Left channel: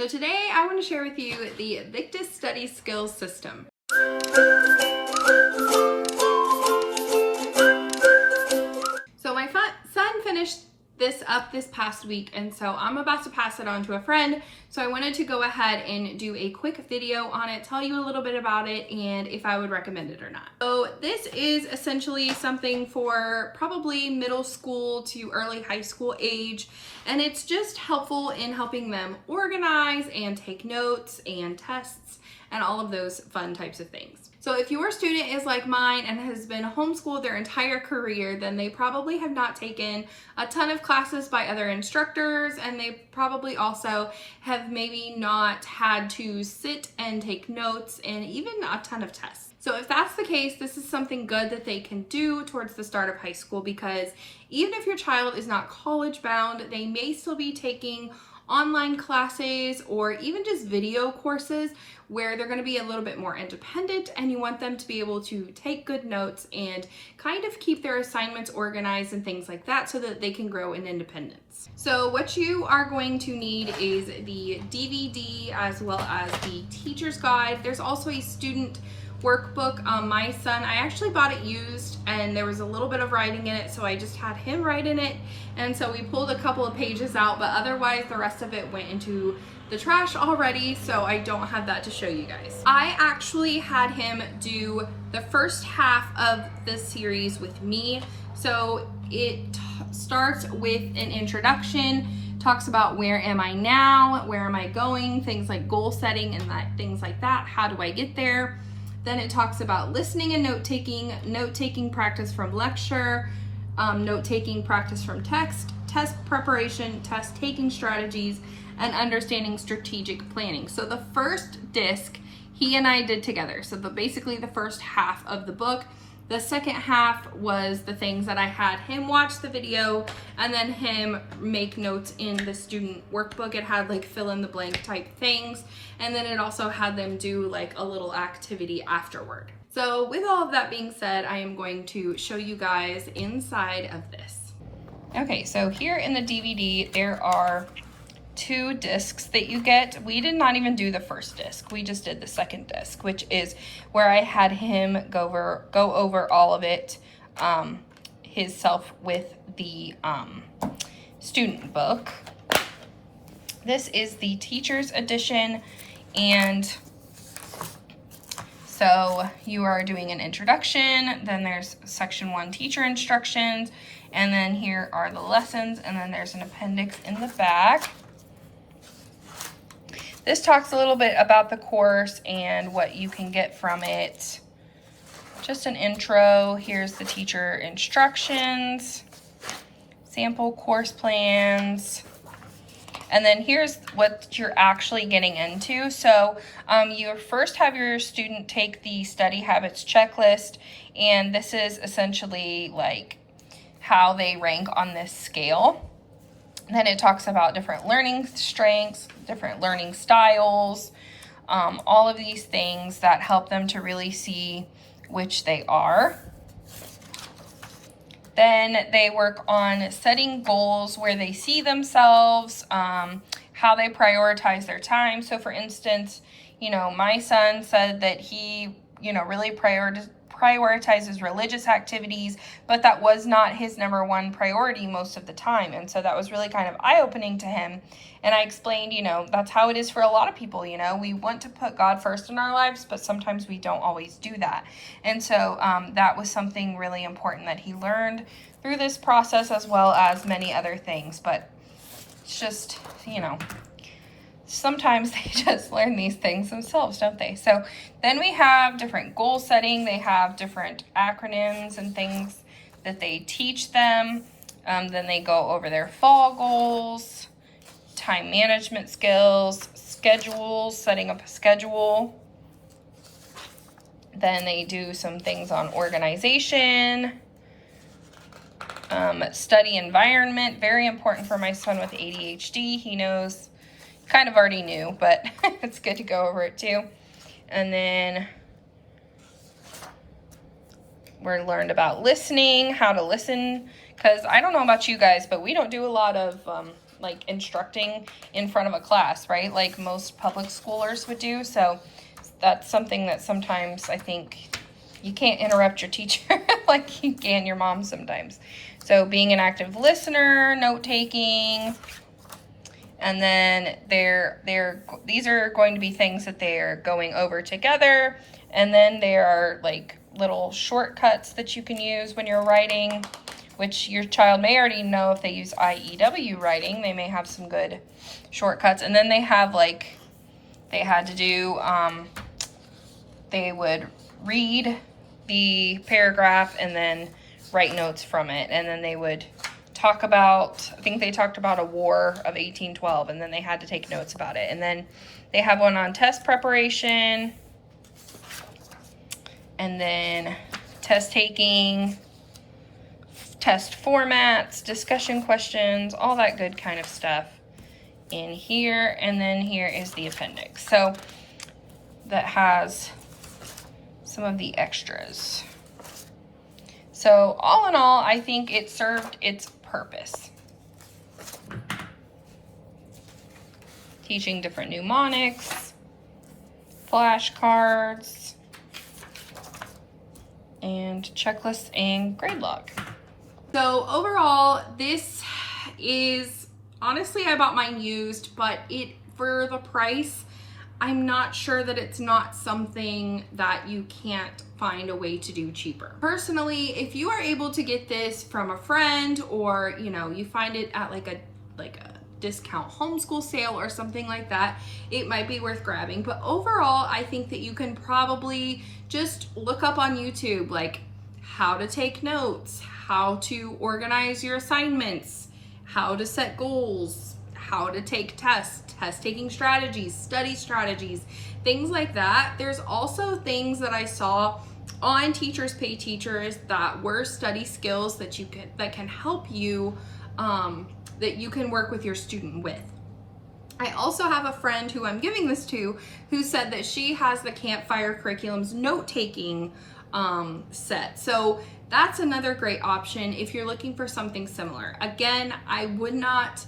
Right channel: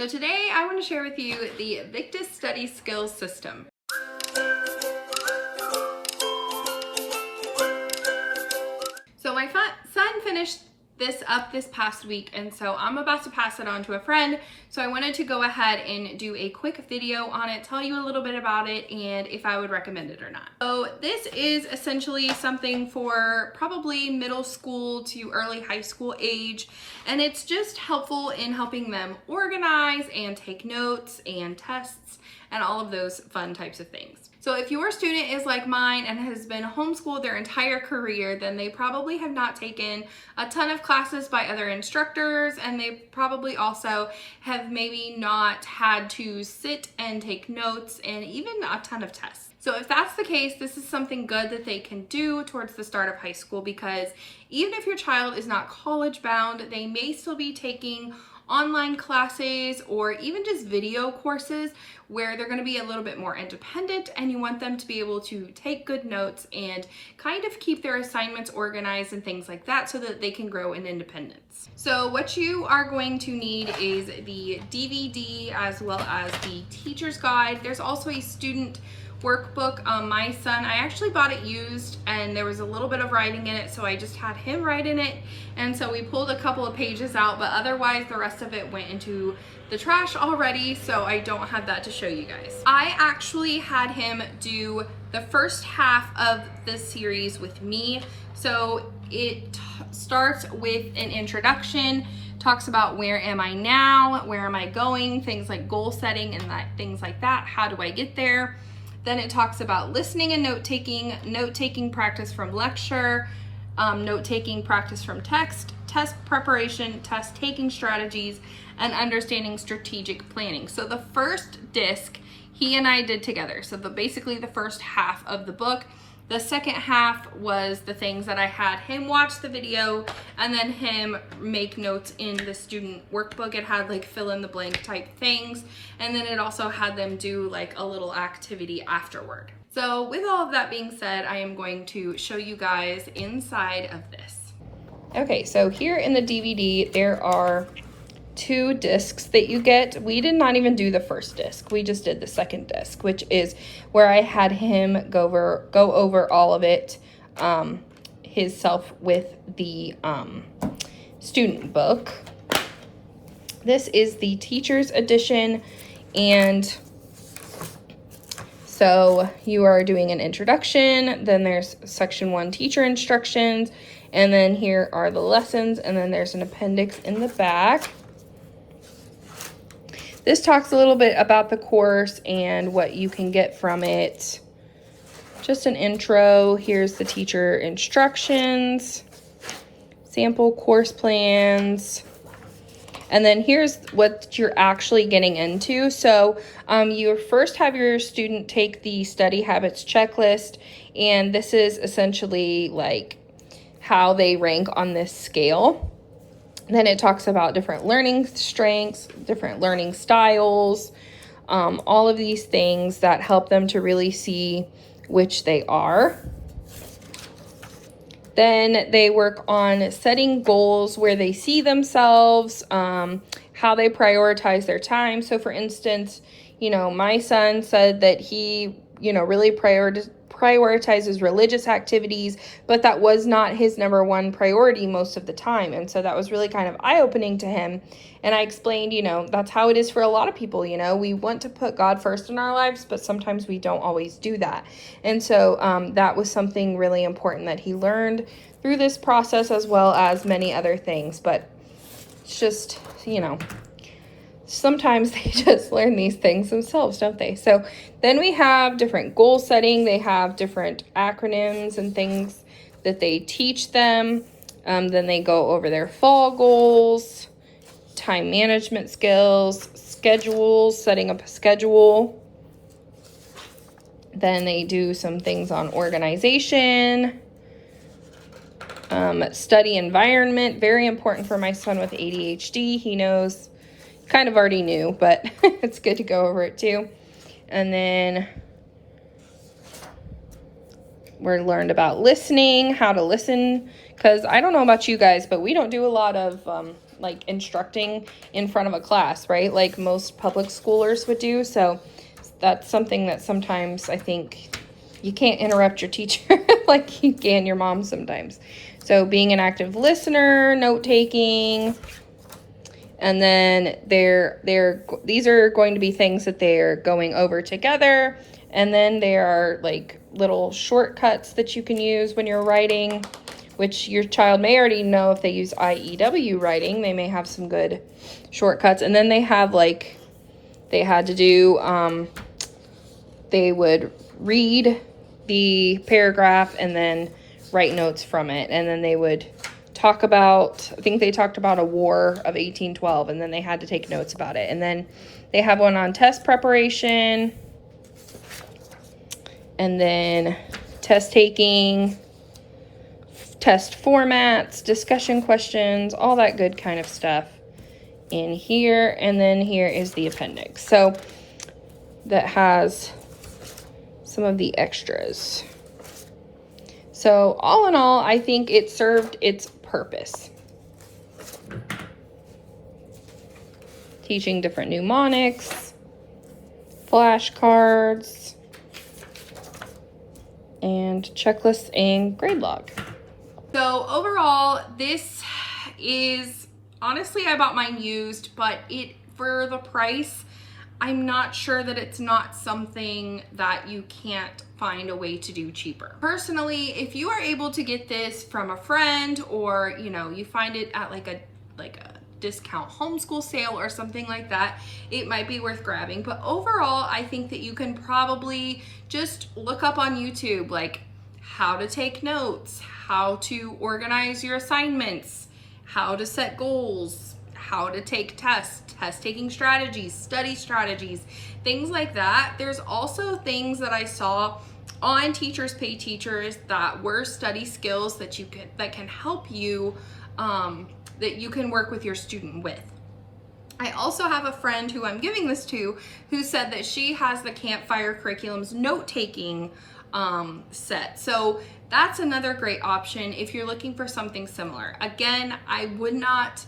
So today I want to share with you the Victus Study Skills system. So my son finished this up this past week, and so I'm about to pass it on to a friend. So I wanted to go ahead and do a quick video on it, tell you a little bit about it, and if I would recommend it or not. So this is essentially something for probably middle school to early high school age, and it's just helpful in helping them organize and take notes and tests and all of those fun types of things. So if your student is like mine and has been homeschooled their entire career, then they probably have not taken a ton of classes by other instructors, and they probably also have maybe not had to sit and take notes and even a ton of tests. So if that's the case, this is something good that they can do towards the start of high school, because even if your child is not college bound, they may still be taking online classes or even just video courses where they're going to be a little bit more independent, and you want them to be able to take good notes and kind of keep their assignments organized and things like that so that they can grow in independence. So what you are going to need is the DVD as well as the teacher's guide. There's also a student workbook. My son, I actually bought it used and there was a little bit of writing in it, so I just had him write in it, and so we pulled a couple of pages out, but otherwise the rest of it went into the trash already, so I don't have that to show you guys. I actually had him do the first half of this series with me. So it starts with an introduction, talks about where am I now, where am I going, things like goal setting and things like that, how do I get there. Then it talks about listening and note-taking practice from lecture, note-taking practice from text, test preparation, test-taking strategies, and understanding strategic planning. So the first disc he and I did together. So basically the first half of the book. The second half was the things that I had him watch the video and then him make notes in the student workbook. It had like fill in the blank type things, and then it also had them do like a little activity afterward. So with all of that being said, I am going to show you guys inside of this. Okay, so here in the DVD, there are 2 discs that you get. We did not even do the first disc. We just did the second disc, which is where I had him go over all of it himself with the student book. This is the teacher's edition, and so you are doing an introduction, then there's section 1 teacher instructions, and then here are the lessons, and then there's an appendix in the back. This talks a little bit about the course and what you can get from it. Just an intro. Here's the teacher instructions, sample course plans, and then here's what you're actually getting into. So you first have your student take the study habits checklist, and this is essentially like how they rank on this scale. Then it talks about different learning strengths, different learning styles, all of these things that help them to really see which they are. Then they work on setting goals where they see themselves, how they prioritize their time. So for instance, my son said that he, really prioritizes religious activities, but that was not his number 1 priority most of the time. And so that was really kind of eye-opening to him. And I explained, that's how it is for a lot of people. We want to put God first in our lives, but sometimes we don't always do that. And so that was something really important that he learned through this process, as well as many other things. But it's just, sometimes they just learn these things themselves, don't they? So then we have different goal setting. They have different acronyms and things that they teach them. Then they go over their fall goals, time management skills, schedules, setting up a schedule. Then they do some things on organization, study environment, very important for my son with ADHD. He knows, kind of already knew, but it's good to go over it too. And then we learned about listening, how to listen, because I don't know about you guys, but we don't do a lot of like instructing in front of a class, right? Like most public schoolers would do. So that's something that sometimes I think you can't interrupt your teacher like you can your mom sometimes. So being an active listener, note taking, and then these are going to be things that they're going over together. And then there are like little shortcuts that you can use when you're writing, which your child may already know if they use IEW writing. They may have some good shortcuts. And then they have like, they had to do, they would read the paragraph and then write notes from it. And then they would talk about, I think they talked about a war of 1812, and then they had to take notes about it. And then they have one on test preparation, and then test taking, test formats, discussion questions, all that good kind of stuff in here. And then here is the appendix. So that has some of the extras. So all in all, I think it served its purpose. Teaching different mnemonics, flashcards, and checklists and grade log. So overall, this is, honestly, I bought mine used, but for the price, I'm not sure that it's not something that you can't find a way to do cheaper. Personally, if you are able to get this from a friend, or you find it at like a discount homeschool sale or something like that, it might be worth grabbing. But overall, I think that you can probably just look up on YouTube like how to take notes, how to organize your assignments, how to set goals, how to take tests, test-taking strategies, study strategies, things like that. There's also things that I saw on Teachers Pay Teachers that were study skills that can help you, that you can work with your student with. I also have a friend who I'm giving this to who said that she has the Campfire Curriculum's note-taking set. So that's another great option if you're looking for something similar. Again, I would not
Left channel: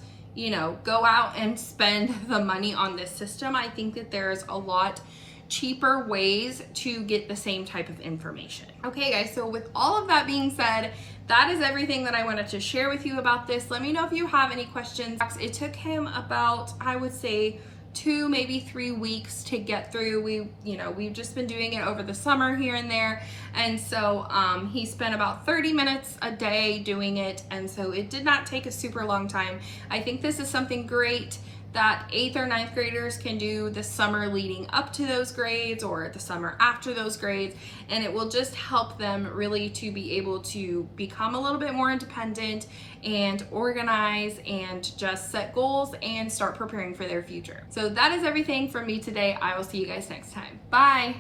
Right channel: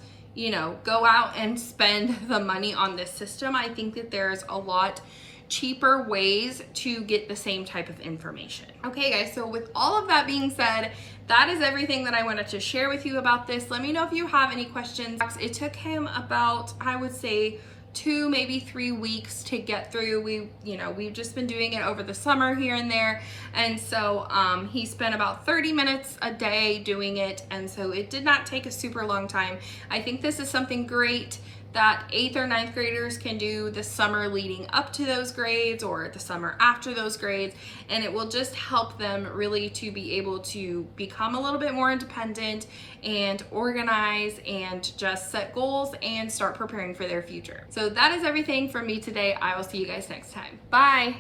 go out and spend the money on this system. I think that there's a lot cheaper ways to get the same type of information. Okay guys, so with all of that being said, that is everything that I wanted to share with you about this. Let me know if you have any questions. It took him about, I would say, 2, maybe 3 weeks to get through. We've just been doing it over the summer here and there. And so he spent about 30 minutes a day doing it. And so it did not take a super long time. I think this is something great that 8th or 9th graders can do the summer leading up to those grades or the summer after those grades. And it will just help them really to be able to become a little bit more independent and organize and just set goals and start preparing for their future. So that is everything from me today. I will see you guys next time. Bye.